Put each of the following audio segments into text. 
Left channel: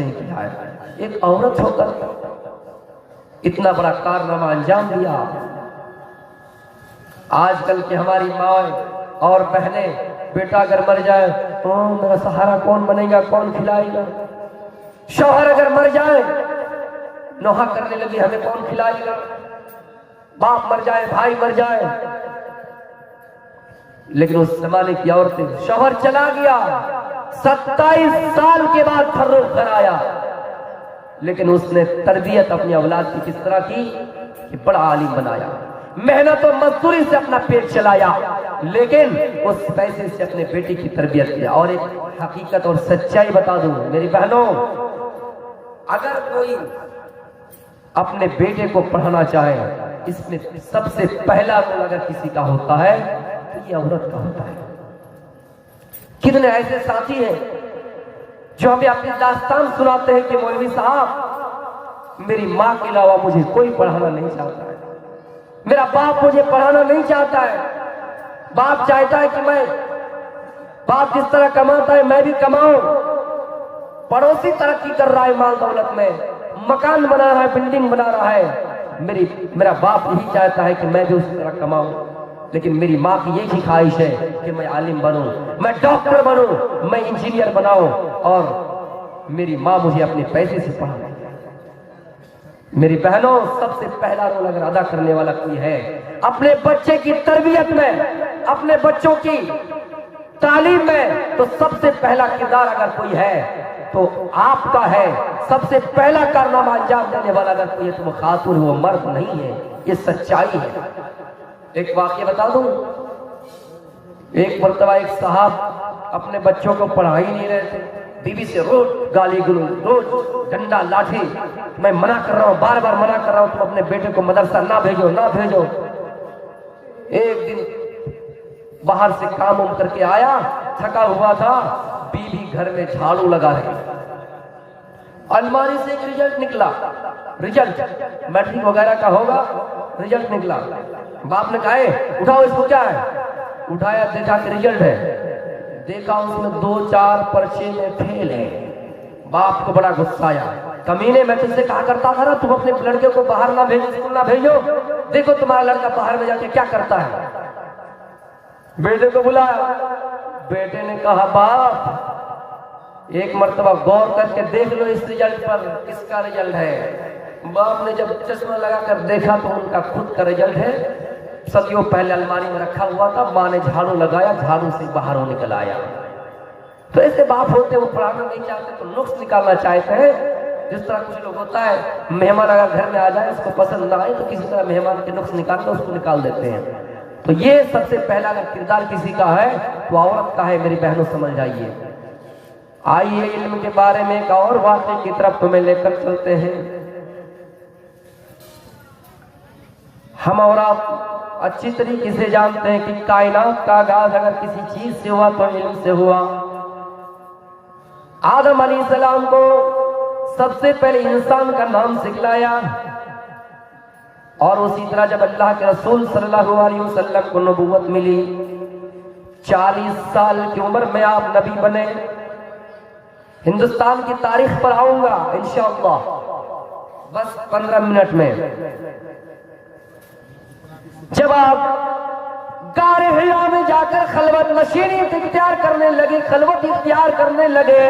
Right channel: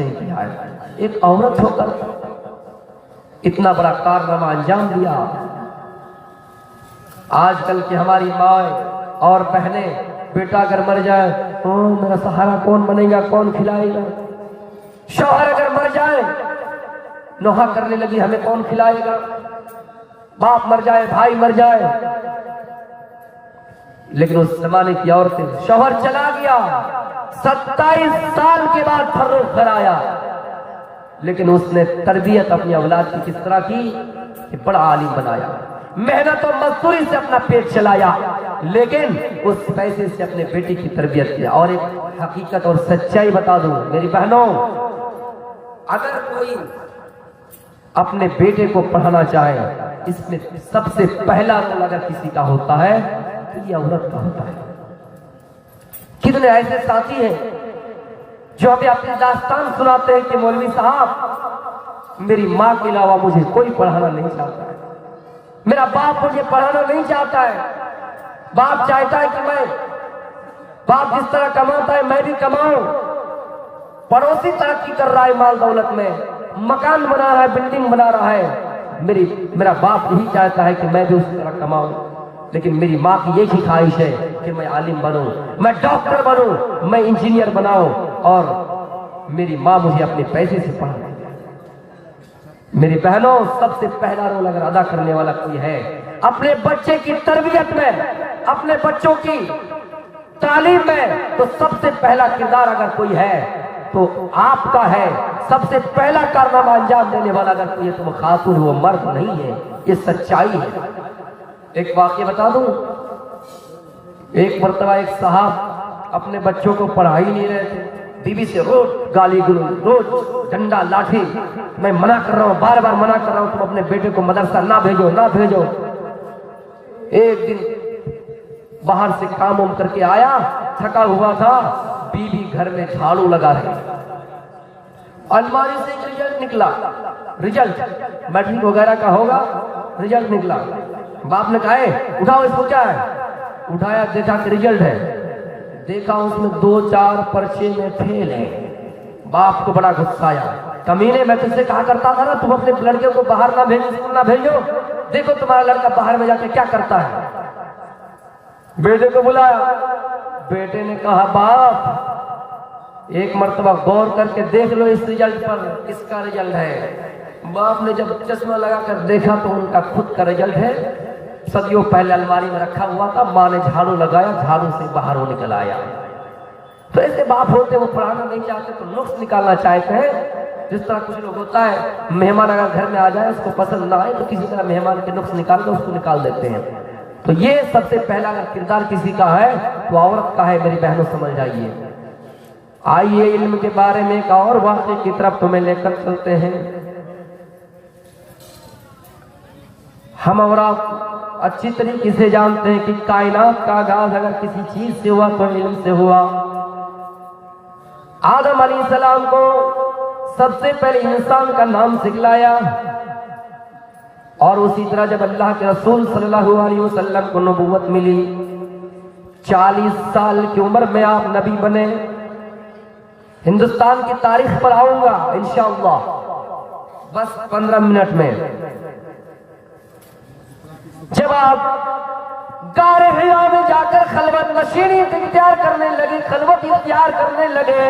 نہیں کیا ہے. ایک عورت ہو کر اتنا بڑا کارنامہ انجام دیا. آج کل کی ہماری مائیں اور بہنیں بیٹا اگر مر جائے میرا سہارا کون بنے گا, کون کھلائے گا. شوہر اگر مر جائے نوحہ کرنے لگی ہمیں کون کھلائے گا. باپ مر جائے, بھائی مر جائے. لیکن اس زمانے کی عورتیں, شوہر چلا گیا 27 سال کے بعد گھر آیا, لیکن اس نے تربیت اپنی اولاد کی کس طرح کی کہ بڑا عالم بنایا, محنت اور مزدوری سے اپنا پیٹ چلایا, لیکن اس پیسے سے اپنے بیٹی کی تربیت کیا. اور ایک حقیقت اور سچائی بتا دوں میری بہنوں, اگر کوئی اپنے بیٹے کو پڑھانا چاہے, اس میں سب سے پہلا رول اگر کسی کا ہوتا ہے تو یہ عورت کا ہوتا ہے. کتنے ایسے ساتھی ہیں جو ہمیں اپنی داستان سناتے ہیں کہ مولوی صاحب میری ماں کے علاوہ مجھے کوئی پڑھانا نہیں چاہتا ہے, میرا باپ مجھے پڑھانا نہیں چاہتا ہے. باپ چاہتا ہے کہ باپ جس طرح کماتا ہے میں بھی کماؤں. پڑوسی ترقی کر رہا ہے مال دولت میں, مکان بنا رہا ہے, بلڈنگ بنا رہا ہے. میرا باپ یہی چاہتا ہے کہ میں بھی اس طرح کماؤں, لیکن میری ماں کی یہی خواہش ہے کہ میں عالم بنوں, میں ڈاکٹر بنوں, میں انجینئر بناؤں, اور میری ماں مجھے اپنے پیسے سے پڑھائے. میری بہنوں, سب سے پہلا رول اگر ادا کرنے والا کوئی ہے اپنے بچے کی تربیت میں, اپنے بچوں کی تعلیم میں, تو سب سے پہلا کردار اگر کوئی ہے تو آپ کا ہے. سب سے پہلا کارنامہ انجام دینے والا اگر کوئی ہے تو وہ خاتون, وہ مرد نہیں ہے. یہ سچائی ہے. ایک واقعہ بتا دوں. ایک مرتبہ ایک صاحب اپنے بچوں کو پڑھا ہی نہیں رہے تھے, بیوی سے روز گالی گلوچ, روز ڈنڈا لاٹھی. میں منع کر رہا ہوں, بار بار منع کر رہا ہوں, تم اپنے بیٹے کو مدرسہ نہ بھیجو, نہ بھیجو. ایک دن باہر سے کام کر کے آیا, تھکا ہوا تھا, بیوی گھر میں جھاڑو لگا رہی. الماری سے ایک رزلٹ نکلا, رزلٹ میٹرک وغیرہ کا ہوگا, رزلٹ نکلا. باپ نے کہا اٹھاؤ اس کو, کیا ہے؟ اٹھایا, دیکھا کہ رزلٹ ہے, دیکھا اس میں 2-4 پرچے میں فیل ہے. باپ کو بڑا غصہ آیا, کمینے میں تم سے کہا کرتا تھا نا تم اپنے لڑکے کو باہر نہ بھیجو, دیکھو تمہارا لڑکا باہر میں جا کے کیا کرتا ہے. بیٹے کو بلایا, بیٹے نے کہا باپ ایک مرتبہ غور کر کے دیکھ لو اس رزلٹ پر, کس کا رزلٹ ہے. باپ نے جب چشمہ لگا کر دیکھا تو ان کا خود کا رزلٹ ہے. صدیوں پہلے الماری میں رکھا ہوا تھا, ماں نے جھاڑو لگایا, جھاڑو سے باہر وہ نکل آیا. تو ایسے باپ ہوتے وہ پڑھانا نہیں چاہتے تو نقص نکالنا چاہتے ہیں. جس طرح کچھ لوگ ہوتا ہے, مہمان اگر گھر میں آ جائے اس کو پسند نہ آئے تو کسی طرح مہمان کے نقص نکال کر اس کو نکال دیتے ہیں. تو یہ سب سے پہلا اگر کردار کسی کا ہے تو عورت کا ہے. میری بہنوں سمجھ جائیے. آئیے علم کے بارے میں ایک اور واقعے کی طرف تمہیں لے کر چلتے ہیں. ہم اور آپ اچھی طریقے سے جانتے ہیں کہ کائنات کا آغاز اگر کسی چیز سے ہوا تو علم سے ہوا. آدم علیہ السلام کو سب سے پہلے انسان کا نام سکھلایا, اور اسی طرح جب اللہ کے رسول صلی اللہ علیہ وسلم کو نبوت ملی, 40 سال کی عمر میں آپ نبی بنے. ہندوستان کی تاریخ پر آؤں گا انشاءاللہ بس 15 منٹ میں. جب آپ غار حرا میں جا کر خلوت نشینی اختیار کرنے لگے, خلوت اختیار کرنے لگے,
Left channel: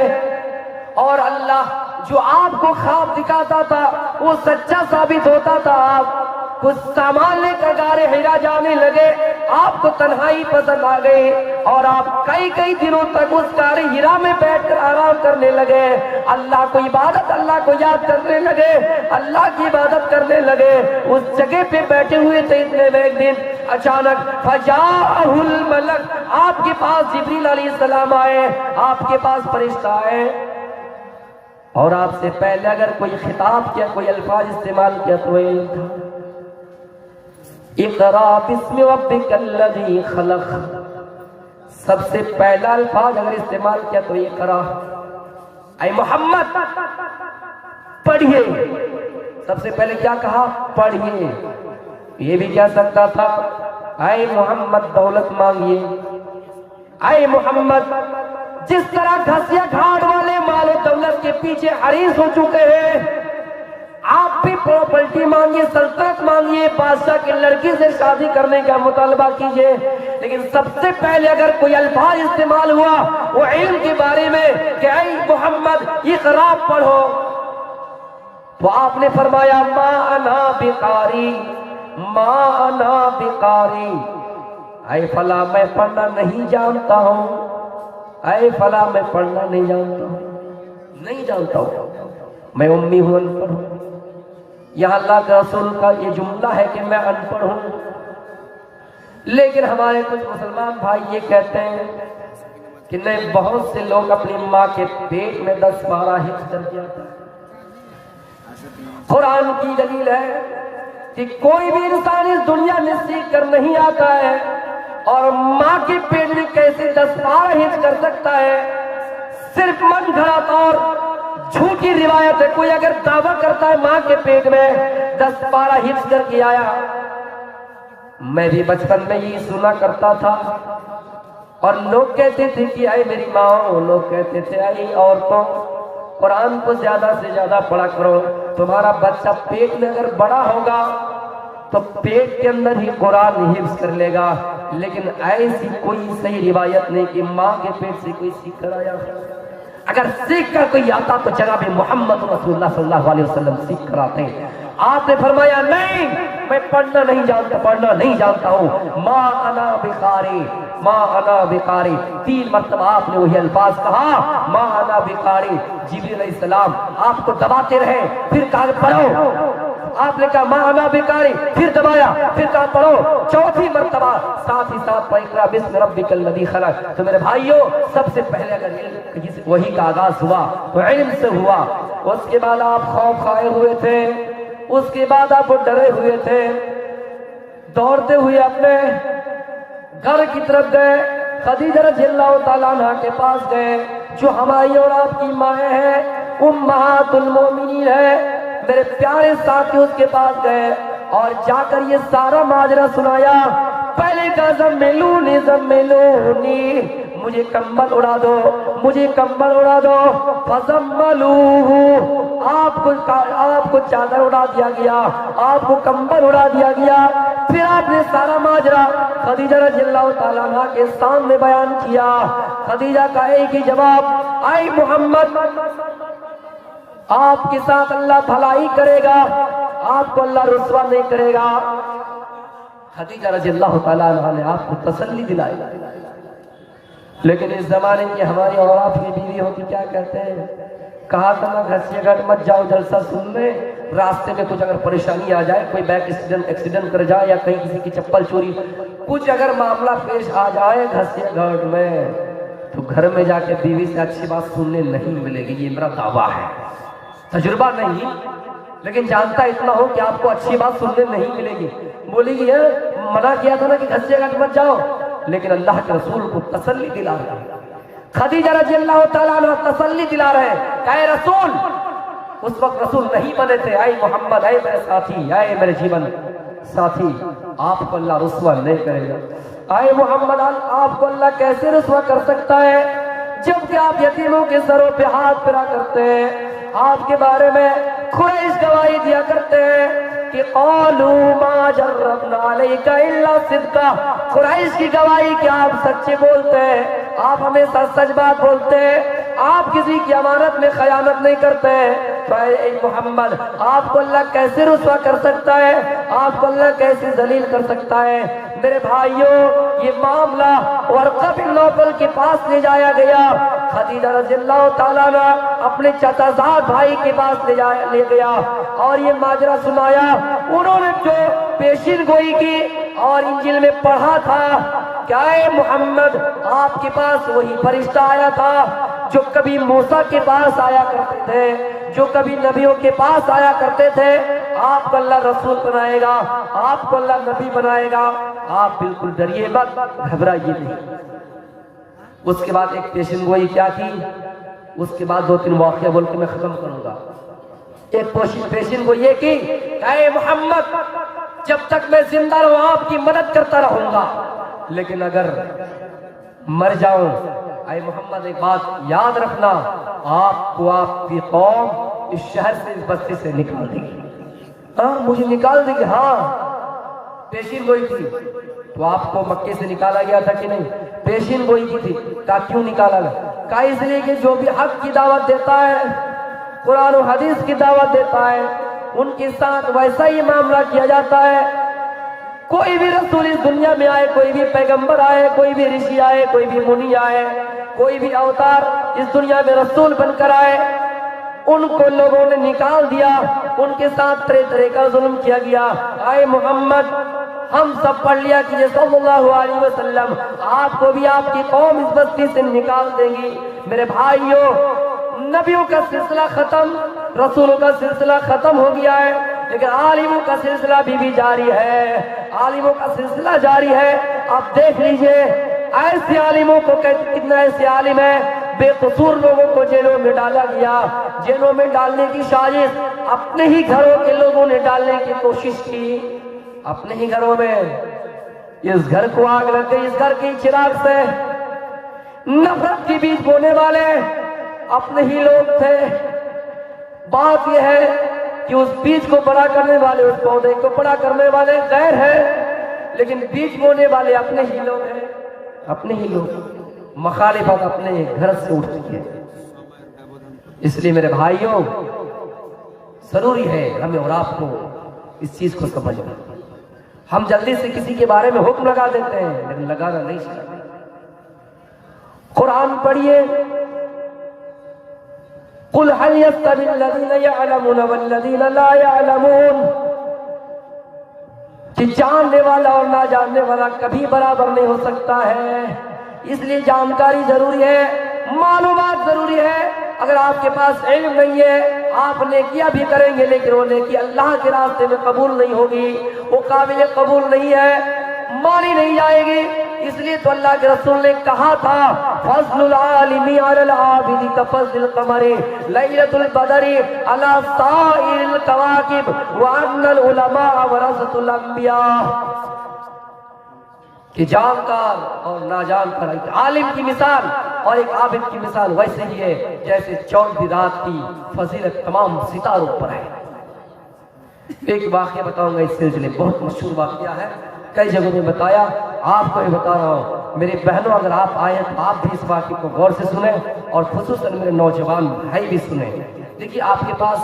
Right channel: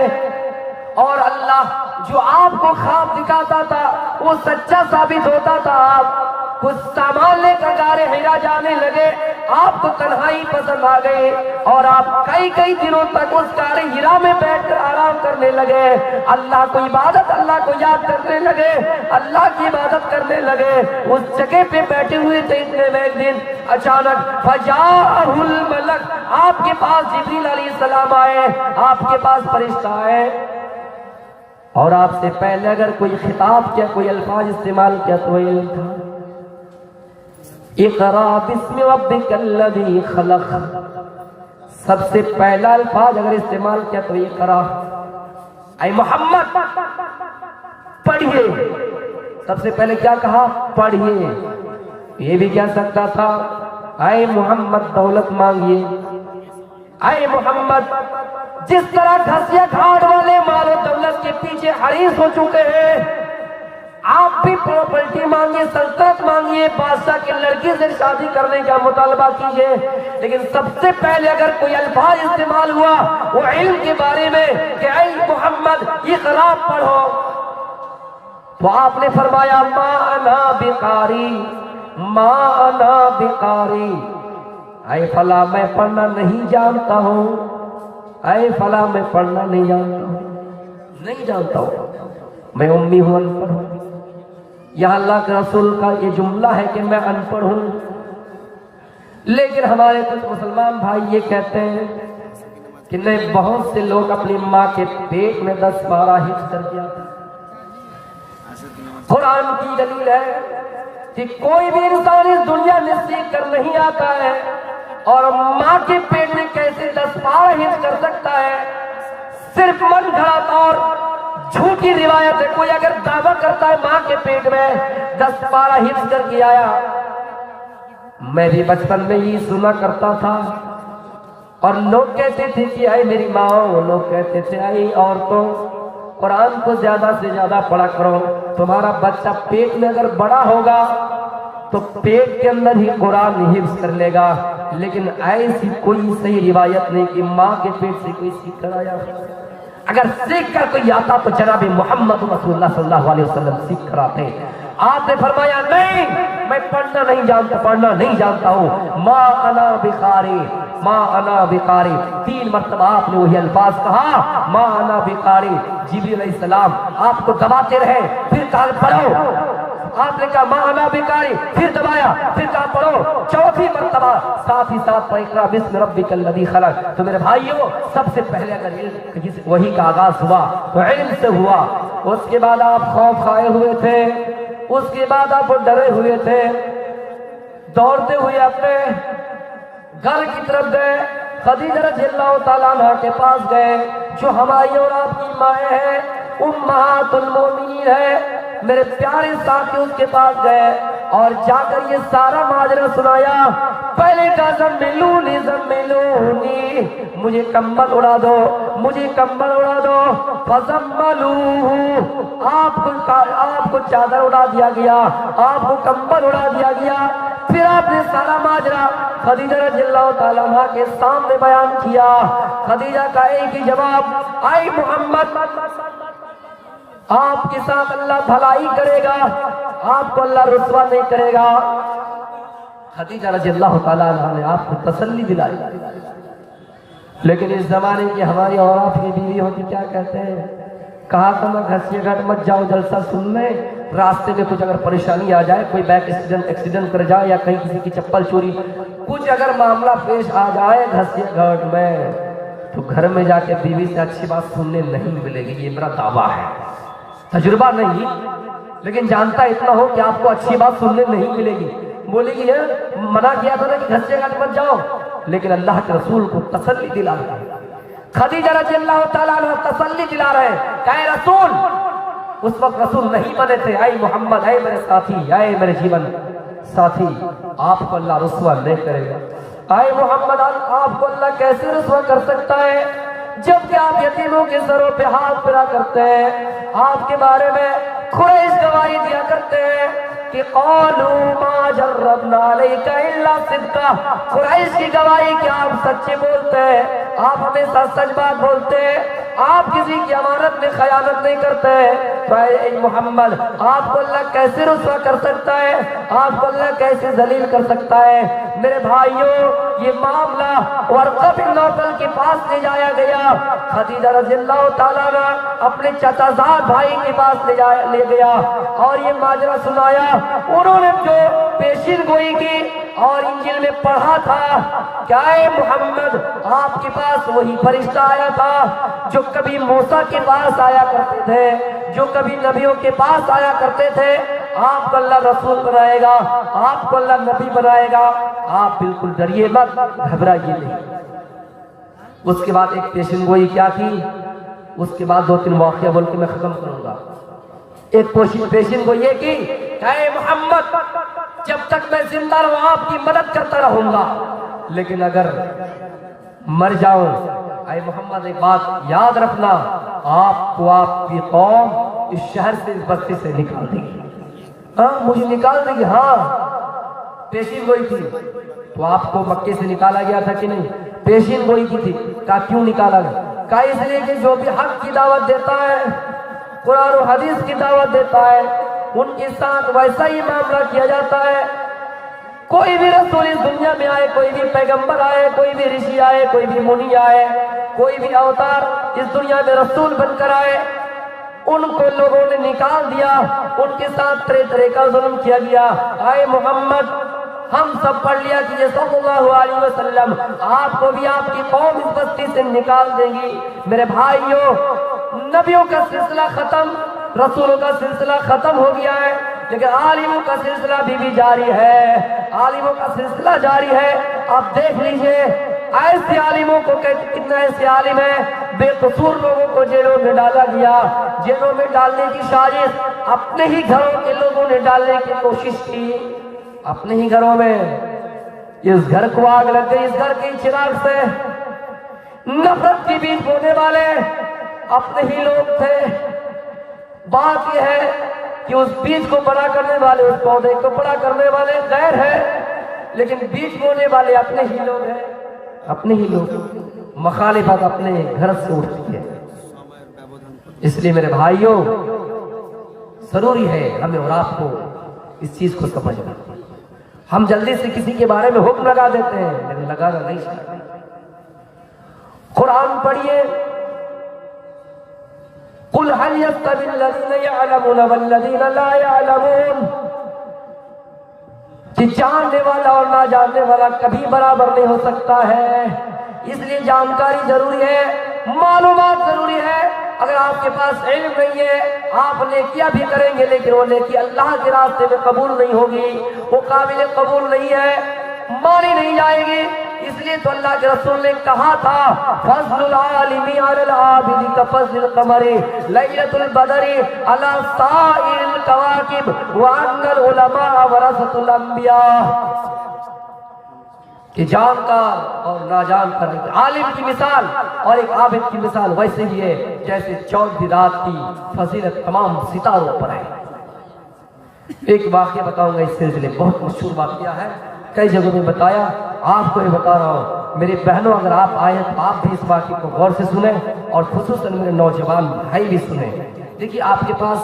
اور اللہ جو آپ کو خواب دکھاتا تھا وہ سچا ثابت ہوتا تھا. آپ کچھ سامان لے کر غار حرا جانے لگے, آپ کو تنہائی پسند آ گئی, اور آپ کئی دنوں تک اس غار حرا میں بیٹھ کر آرام کرنے لگے. اللہ کو عبادت, اللہ کو یاد کرنے لگے, اللہ کی عبادت کرنے لگے. اس جگہ پہ بیٹھے ہوئے تھے, ایک دن اچانک فجاءہ الملک, آپ کے پاس جبریل علیہ السلام آئے, آپ کے پاس فرشتہ آئے, اور آپ سے پہلے اگر کوئی خطاب کیا, کوئی الفاظ استعمال کیا تو علم تھا. اقرا بسم ربک الذی خلق, سب سے پہلا الفاظ اگر استعمال کیا تو اقرا, اے محمد پڑھیے. سب سے پہلے کیا کہا؟ پڑھیے. یہ بھی کہہ سکتا تھا اے محمد دولت مانگیے, اے محمد جس طرح گھسیا گھاٹ والے مال و دولت کے پیچھے حریص ہو چکے ہیں. آپ بھی پراپرٹی مانگیے, سلطنت مانگیے, بادشاہ کی لڑکی سے شادی کرنے کا مطالبہ کیجیے, لیکن سب سے پہلے اگر کوئی الفاظ استعمال ہوا وہ علم کے بارے میں کہ اے محمد یہ خراب پڑھو, تو آپ نے فرمایا ما انا بقاری, ما انا بقاری, اے فلاں میں پڑھنا نہیں جانتا ہوں, اے فلاں میں پڑھنا نہیں جانتا ہوں, نہیں جانتا ہوں, میں امی ہوں, ان پڑھ ہوں. یہاں اللہ کے رسول کا یہ جملہ ہے کہ میں ان پڑھ ہوں, لیکن ہمارے کچھ مسلمان بھائی یہ کہتے ہیں کہ نہیں, بہت سے لوگ اپنی ماں کے پیٹ میں 10 پارہ حفظ کر دیا. قرآن کی دلیل ہے کہ کوئی بھی انسان اس دنیا میں سیکھ کر نہیں آتا ہے, اور ماں کے پیٹ میں کیسے 10 پارہ حفظ کر سکتا ہے. صرف من گھڑت اور جھوٹی روایت ہے. کوئی اگر دعویٰ کرتا ہے ماں کے پیٹ میں 10 پارہ حفظ کر کے آیا, میں بھی بچپن میں یہ سنا کرتا تھا, اور لوگ کہتے تھے کہ اے میری ماں, لوگ کہتے تھے اے عورتوں, قرآن کو زیادہ سے زیادہ پڑھا کرو, تمہارا بچہ پیٹ میں اگر بڑا ہوگا تو پیٹ کے اندر ہی قرآن حفظ کر لے گا. لیکن ایسی کوئی صحیح روایت نہیں کہ ماں کے پیٹ سے کوئی سیکھ کر آیا. اگر سیکھ کر کوئی آتا تو جناب محمد رسول اللہ صلی اللہ علیہ وسلم سیکھ کر آتے. آپ نے فرمایا نہیں, میں پڑھنا نہیں جانتا, پڑھنا نہیں جانتا ہوں. ما انا بقاری, ما انا بقاری, 3 مرتبہ آپ نے وہی الفاظ کہا, ما انا بقاری. جبریل علیہ السلام آپ کو دباتے رہے, پھر کہا پڑھو. آپ نے کہا ما انا بقاری, پھر دبایا, پھر کہا پڑھو. 4تھی مرتبہ ساتھ ہی ساتھ اقرا بسم ربک الذی خلق. تو میرے بھائیوں, سب سے پہلے اگر علم وہی کا آغاز ہوا تو علم سے ہوا. اس کے بعد آپ خوف کھائے ہوئے تھے, اس کے بعد آپ ڈرے ہوئے تھے, دوڑتے ہوئے اپنے گھر کی طرف گئے. خدیجہ رضی اللہ تعالیٰ عنہ کے پاس گئے, جو ہماری اور آپ کی مائیں ہیں, امہات المومنین ہے. میرے پیارے ساتھی اس کے پاس گئے اور جا کر یہ سارا ماجرا سنایا. پہلے کہا زمیلونی زمیلونی, مجھے کمبل اڑا دو, مجھے کمبل اڑا دو. فزملوہ, آپ کو چادر اڑا دیا گیا, آپ کو کمبل اڑا دیا گیا. پھر آپ نے سارا ماجرا خدیجہ رضی اللہ تعالیٰ عنہ کے سامنے بیان کیا. خدیجہ کا ایک ہی جواب, اے محمد, آپ کے ساتھ اللہ بھلائی کرے گا, آپ کو اللہ رسوا نہیں کرے گا. خدیجہ رضی اللہ تعالیٰ عنہ نے آپ کو تسلی دلائی. لیکن اس زمانے کی ہماری عورت کی بیوی ہوتی کیا کہتے ہیں, کہا تھا میں گھسیے گھٹ مت جاؤ جلسہ سننے, راستے میں کچھ اگر پریشانی آ جائے, کوئی بیک ایکسیڈنٹ کر جائے, یا کہیں کسی کی چپل چوری, کچھ اگر معاملہ پیش آ جائے گھسیے گھٹ میں, تو گھر میں جا کے بیوی سے اچھی بات سننے نہیں ملے گی. یہ میرا دعویٰ ہے, تجربہ نہیں, لیکن جانتا اتنا ہو کہ آپ کو اچھی بات سننے نہیں ملے گی. بولی گی منع کیا تھا نا کہ گھسیے گھٹ مت جاؤ, لیکن اللہ کے رسول کو تسلی دلا رہے ہیں. خدیجہ رضی اللہ تعالیٰ عنہ تسلی دلا رہے ہیں, اے رسول, اس وقت رسول نہیں بنے تھے, اے محمد, اے میرے ساتھی, اے میرے جیون ساتھی, آپ کو اللہ رسوا نہیں کرے گا. اے محمد, آپ کو اللہ کیسے رسوا کر سکتا ہے جبکہ آپ یتیموں کے سروں پہ ہاتھ پھیرا کرتے ہیں. آپ کے بارے میں قریش گواہی دیا کرتے ہیں کہ قالوا ما جربنا علیک الا صدقا. قریش کی گواہی کہ آپ سچے بولتے ہیں, آپ ہمیشہ سچ بات بولتے ہیں, آپ کسی کی امانت میں خیانت نہیں کرتے. تو اے محمد, آپ کو اللہ کیسے رسوا کر سکتا ہے, آپ کو اللہ کیسے ذلیل کر سکتا ہے. میرے بھائیوں, یہ معاملہ ورقہ بن نوفل کے پاس لے جایا گیا. خدیجہ رضی اللہ تعالیٰ عنہ اپنے چچازاد بھائی کے پاس لے گیا اور یہ ماجرا سنایا. انہوں نے جو پیشین گوئی کی اور انجیل میں پڑھا تھا کہ اے محمد, آپ کے پاس وہی فرشتہ آیا تھا جو کبھی موسیٰ کے پاس آیا کرتے تھے, جو کبھی نبیوں کے پاس آیا کرتے تھے. آپ کو اللہ رسول بنائے گا, آپ کو اللہ نبی بنائے گا, آپ بالکل ڈریے مت, گھبرائیے نہیں. اس کے بعد ایک پیشن گوئی کیا کی, اس کے بعد 2-3 واقعہ بول کے میں ختم کروں گا. ایک پیشن گوئی یہ کی, اے محمد, جب تک میں زندہ رہوں آپ کی مدد کرتا رہوں گا, لیکن اگر مر جاؤں, اے محمد ایک بات یاد رکھنا, آپ کو آپ کی قوم اس شہر سے اس بستی سے نکال دے گی. ہاں مجھے نکال دے گی. ہاں پیشین گوئی تھی تو آپ کو مکے سے نکالا گیا تھا کہ نہیں؟ پیشین گوئی کی تھی. کہا کیوں نکالا گیا؟ کہا اس لیے کہ جو بھی حق کی دعوت دیتا ہے، قرآن و حدیث کی دعوت دیتا ہے، ان کے ساتھ ویسا ہی معاملہ کیا جاتا ہے. کوئی بھی رسول اس دنیا میں آئے، کوئی بھی پیغمبر آئے، کوئی بھی رشی آئے، کوئی بھی منی آئے، کوئی بھی اوتار اس دنیا میں رسول بن کر آئے، ان کو لوگوں نے نکال دیا، ان کے ساتھ طرح طرح کا ظلم کیا گیا. آئے محمد ہم سب پڑھ لیا کہ صلی اللہ علیہ وسلم آپ کو بھی آپ کی قوم اس بستی سے نکال دیں گی. میرے بھائیوں، نبیوں کا سلسلہ ختم، رسولوں کا سلسلہ ختم ہو گیا ہے، لیکن عالموں کا سلسلہ بھی جاری ہے. عالموں کا سلسلہ جاری ہے. آپ دیکھ لیجئے ایسے عالموں کو، کتنا ایسے عالم ہیں بے قصور لوگوں کو جیلوں میں ڈالا گیا. جیلوں میں ڈالنے کی سازش اپنے ہی گھروں کے لوگوں نے ڈالنے کی کوشش کی. اپنے ہی گھروں میں اس گھر کو آگ لگ گئی. اس گھر کی چراغ سے نفرت کے بیچ ہونے والے اپنے ہی لوگ تھے. بات یہ ہے کہ اس بیج کو بڑا کرنے والے، اس پودے کو بڑا کرنے والے غیر ہے، لیکن بیج بونے والے اپنے ہی لوگ ہیں. اپنے ہی لوگ. مخالفت اپنے گھر سے اٹھتی ہے. اس لیے میرے بھائیوں، ضروری ہے ہمیں اور آپ کو اس چیز کو سمجھنا. ہم جلدی سے کسی کے بارے میں حکم لگا دیتے ہیں، لیکن لگانا نہیں چاہیے. قرآن پڑھیے، قل هل يستوي الذين يعلمون والذين لا يعلمون، کہ جاننے والا اور نہ جاننے والا کبھی برابر نہیں ہو سکتا ہے. اس لیے جانکاری ضروری ہے، معلومات ضروری ہے. اگر آپ کے پاس علم نہیں ہے، آپ نیکیاں بھی کریں گے لیکن وہ نیکی اللہ کے راستے میں قبول نہیں ہوگی، وہ قابل قبول نہیں ہے، مانی نہیں جائے گی. اس لیے تو اللہ کے رسول نے کہا تھا فضل العالم علی العابد کفضل القمر لیلۃ البدر علی سائر الکواکب وان العلماء ورثۃ الانبیاء. کہ جانکار اور ناجانکار، ایک عالم کی مثال اور ایک عابد کی مثال ویسے ہی ہے جیسے چودہ رات کی فضیلت تمام ستاروں پر ہے. ایک واقعہ بتاؤں گا اس سلسلے، بہت مشہور واقعہ ہے، کئی جگہوں میں بتایا، آپ کو بھی بتا رہا ہوں. میری بہنوں اگر آپ آئے تو آپ بھی اس واقعے کو غور سے سنیں، اور خصوصاً میرے نوجوان بھائی بھی سنیں. دیکھیے آپ کے پاس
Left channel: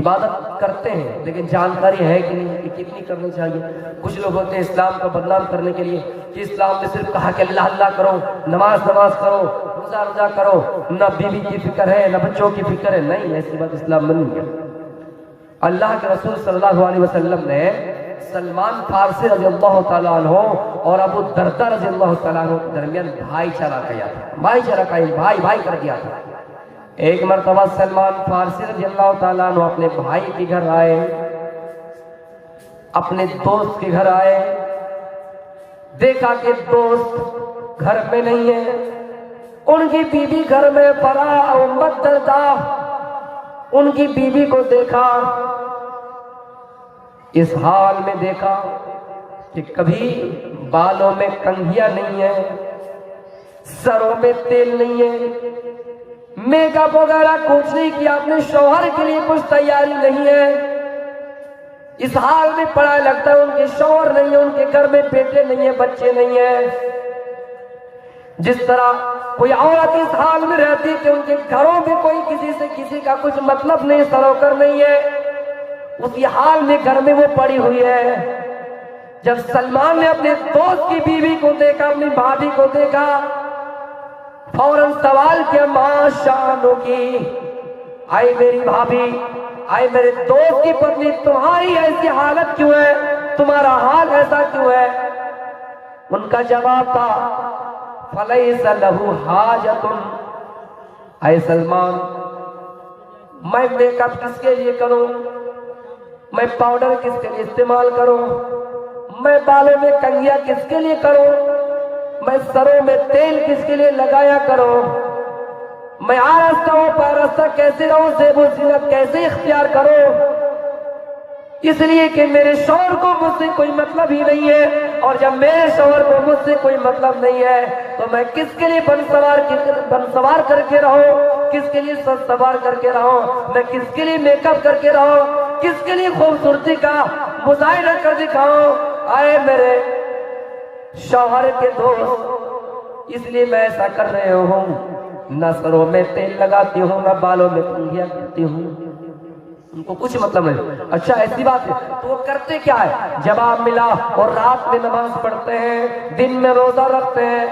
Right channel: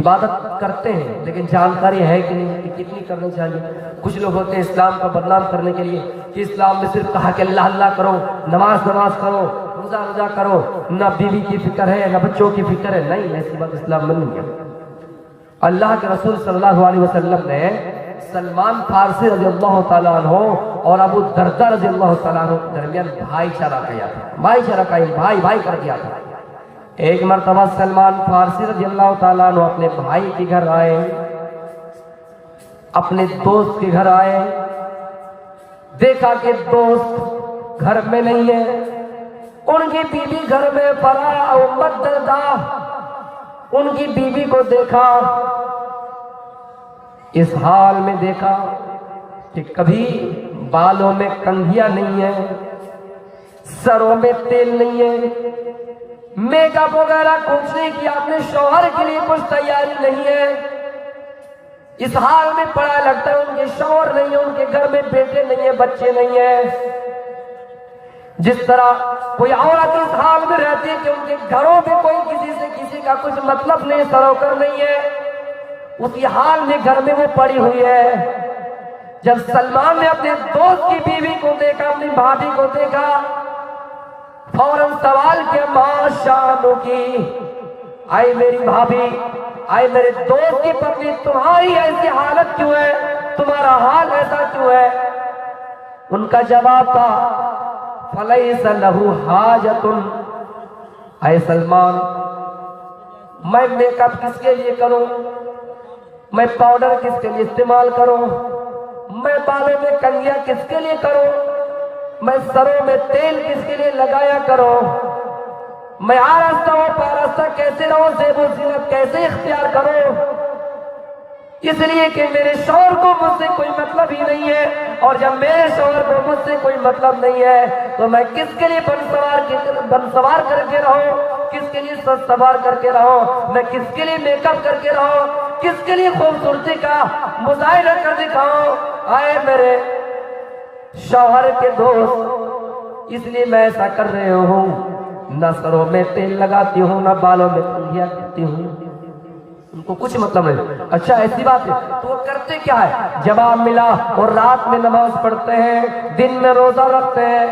عبادت کرتے ہیں لیکن جانکاری ہے کہ نہیں کہ کتنی کرنی چاہیے. کچھ لوگ ہوتے ہیں اسلام کو بدنام کرنے کے لیے کہ اسلام میں صرف کہا کہ اللہ اللہ کرو، نماز کرو، روزہ کرو، نہ بیوی کی فکر ہے نہ بچوں کی فکر ہے. نہیں، ایسی بات اسلام میں نہیں ہے. اللہ کے رسول صلی اللہ علیہ وسلم نے سلمان فارسی رضی اللہ تعالیٰ عنہ اور ابو دردہ رضی اللہ تعالیٰ عنہ کے درمیان بھائی چارہ کیا تھا. بھائی چارہ کا بھائی کر گیا تھا. ایک مرتبہ سلمان فارسی رضی اللہ تعالیٰ عنہ اپنے بھائی کے گھر آئے، اپنے دوست کے گھر آئے، دیکھا کہ دوست گھر میں نہیں ہے، ان کی بیوی گھر میں پڑا. ابو دردہ ان کی بیوی کو دیکھا، اس حال میں دیکھا کہ کبھی بالوں میں کنگھیاں نہیں ہے، سروں میں تیل نہیں ہے، میک اپ وغیرہ کچھ نہیں کیا، اپنے شوہر کے لیے کچھ تیاری نہیں ہے. اس حال میں پڑا. لگتا ہے ان کے شوہر نہیں ہے، ان کے گھر میں بیٹے نہیں ہیں، بچے نہیں ہیں. جس طرح کوئی عورت اس حال میں رہتی ہے کہ ان کے گھروں میں کوئی کسی کا کچھ مطلب نہیں، سروکر نہیں ہے، اسی حال میں گھر میں وہ پڑی ہوئی ہے. جب سلمان نے اپنے دوست کی بیوی کو دیکھا، اپنی بھابھی کو دیکھا، فوراً سوال کیا ماں شانو کی، آئی میری بھابھی، آئی میرے دوست کی پتنی، تمہاری ایسی حالت کیوں ہے، تمہارا حال ایسا کیوں ہے؟ ان کا جواب تھا فلیس لہ حاجۃ. اے سلمان، میں میک اپ کس کے لیے کروں، میں پاؤڈر کس کے لیے استعمال کروں، میں بالوں میں کنگھیاں کس کے لیے کروں، میں سروں میں تیل کس کے لیے لگایا کروں، میں آرستہ و پارستہ کیسے رہوں، زیب و زینت کیسے اختیار کروں؟ اس لیے کہ میرے شوہر کو مجھ سے کوئی مطلب ہی نہیں ہے، اور جب میرے شوہر کو مجھ سے کوئی مطلب نہیں ہے تو میں کس کے لیے بن سوار کر کے رہوں، کس کے لیے سر سوار کر کے رہو، میں کس کے لیے میک اپ کر کے رہو، کس کے لیے خوبصورتی کا مظاہرہ کر دکھاؤں؟ آئے میرے شوہر کے دوست، اس لیے میں ایسا کر رہے ہوں، نہ سروں میں تیل لگاتی ہوں، نہ بالوں میں کنگھیاں کرتی ہوں، ان کو کچھ مطلب نہیں۔ اچھا ایسی بات ہے تو وہ کرتے کیا ہے؟ جواب ملا اور رات میں نماز پڑھتے ہیں، دن میں روزہ رکھتے ہیں،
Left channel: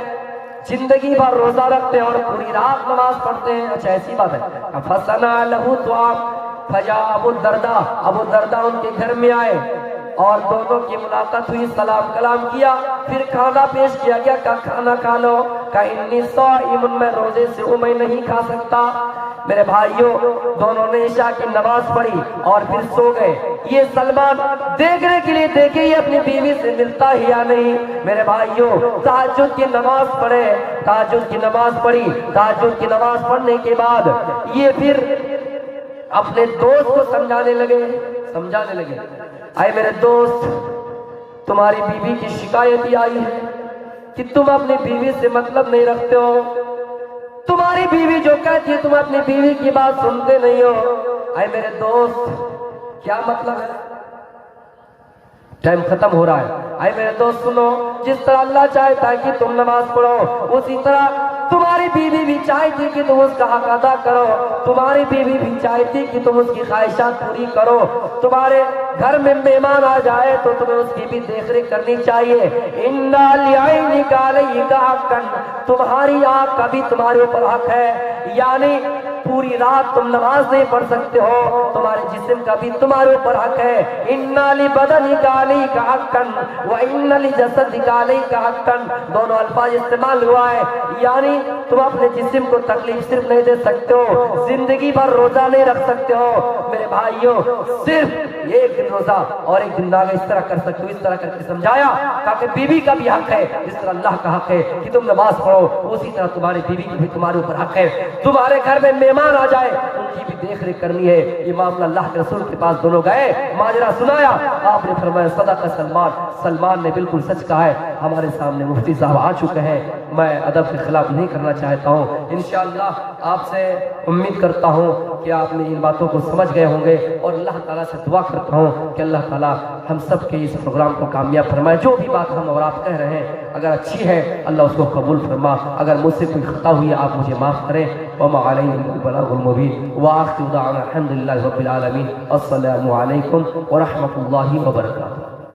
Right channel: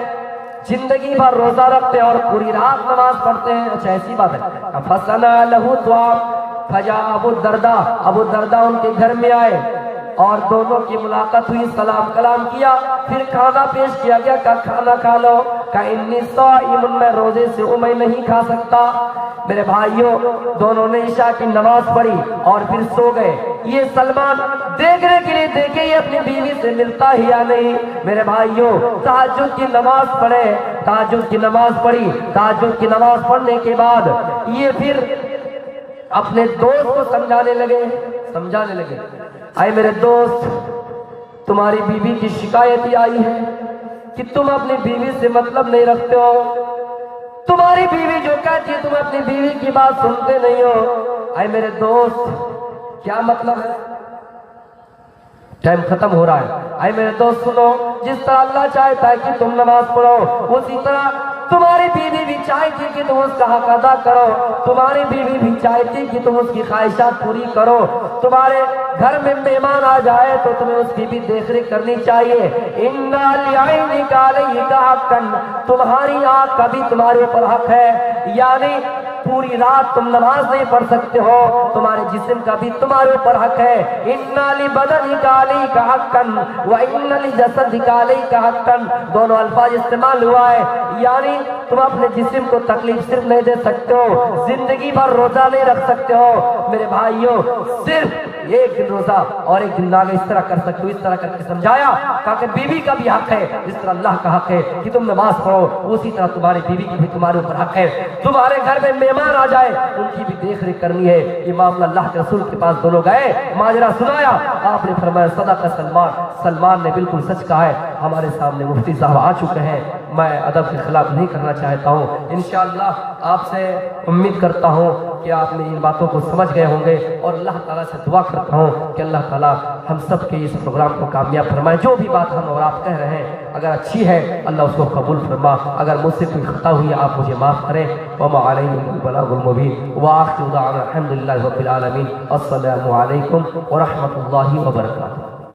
زندگی بھر روزہ رکھتے ہیں اور پوری رات نماز پڑھتے ہیں۔ اچھا ایسی بات ہے۔ فَصَنَا لَهُ طَعَامًا فَجَاءَ ابو الدرداء ان کے گھر میں آئے اور دونوں کی ملاقات ہوئی، سلام کلام کیا، پھر کھانا پیش کیا گیا، کہا کھانا کھا لو، کہا انی صائم، میں روزے سے ہوں، میں نہیں کھا سکتا۔ میرے بھائیوں دونوں نے عشاء کی نماز پڑھی اور پھر سو گئے۔ یہ سلمان دیکھنے کے لیے دیکھے یہ اپنی بیوی سے ملتا ہی یا نہیں۔ میرے بھائیوں تہجد کی نماز پڑھے، تہجد کی نماز پڑھی، تہجد کی نماز پڑھنے کے بعد یہ پھر اپنے دوست کو سمجھانے لگے، آئے میرے دوست تمہاری بیوی کی شکایت یہ آئی ہے کہ تم اپنی بیوی سے مطلب نہیں رکھتے ہو، تمہاری بیوی جو کہتی ہے تم اپنی بیوی کی بات سنتے نہیں ہو۔ اے میرے دوست کیا مطلب ہے؟ ٹائم ختم ہو رہا ہے۔ اے میرے دوست سنو، جس طرح اللہ چاہتا ہے کہ تم نماز پڑھو، اسی طرح تمہاری بیوی بھی چاہتی کہ تم اس کا حق ادا کرو، تمہاری بیوی بھی چاہتی کہ تم اس کی خواہشات پوری کرو۔ تمہارے گھر میں مہمان آ جائے تو تمہیں اس کی بھی دیکھ ریکھ کرنی چاہیے۔ اِنَّا لِعَيْنِكَ عَلَيْكَ حَقًّا، تمہاری آنکھ کا بھی تمہارے اوپر حق ہے، یعنی پوری رات تم نماز نہیں پڑھ سکتے ہو، تمہارے جسم کا بھی تمہارے اوپر حق ہے۔ اِنَّا لِبَدَنِكَ عَلَيْكَ حَقًّا وَإِنَّ لِجَسَدِكَ عَلَيْكَ حَقًّا، دونوں الفاظ استعمال ہوا ہے، یعنی تم اپنے جسم کو تکلیف صرف نہیں دے سکتے ہو، زندگی بھر روزہ نہیں رکھ سکتے ہو۔ میرے بھائیوں صرف ایک دن روزہ اور ایک دن ناگے اس طرح کر سکتے ہو، اس طرح کر کے سمجھایا تاکہ بیوی کا بھی حق ہے، جس طرح اللہ کا حق ہے کہ تم نماز پڑھو، اسی طرح تمہاری بیوی کی بھی تمہارے اوپر حق ہے۔ تمہارے گھر میں مہمان آ جائے ان کی بھی دیکھ ریکھ کرنی ہے۔ یہ معاملہ اللہ کے رسول کے پاس دونوں گئے، ماجرا سنایا، آپ نے فرمایا صدق سلمان نے بالکل سچ کہا ہے۔ ہمارے سامنے مفتی صاحب آ چکے ہیں، میں ادب کے خلاف نہیں کرنا چاہتا ہوں، انشاءاللہ آپ سے امید کرتا ہوں کہ آپ نے ان باتوں کو سمجھ گئے ہوں گے، اور اللہ تعالیٰ سے دعا کرتا ہوں کہ اللہ تعالیٰ ہم سب کے اس پروگرام کو کامیاب فرمائے۔ جو بھی بات ہم اور آپ کہہ رہے ہیں اگر اچھی ہے اللہ اس کو قبول فرما، اگر مجھ سے کوئی خطا ہوئی ہے آپ مجھے معاف کریں۔ وما علینا الا البلاغ المبین، وآخر دعوانا الحمد للہ رب العالمین۔ السلام علیکم ورحمۃ اللہ وبرکاتہ۔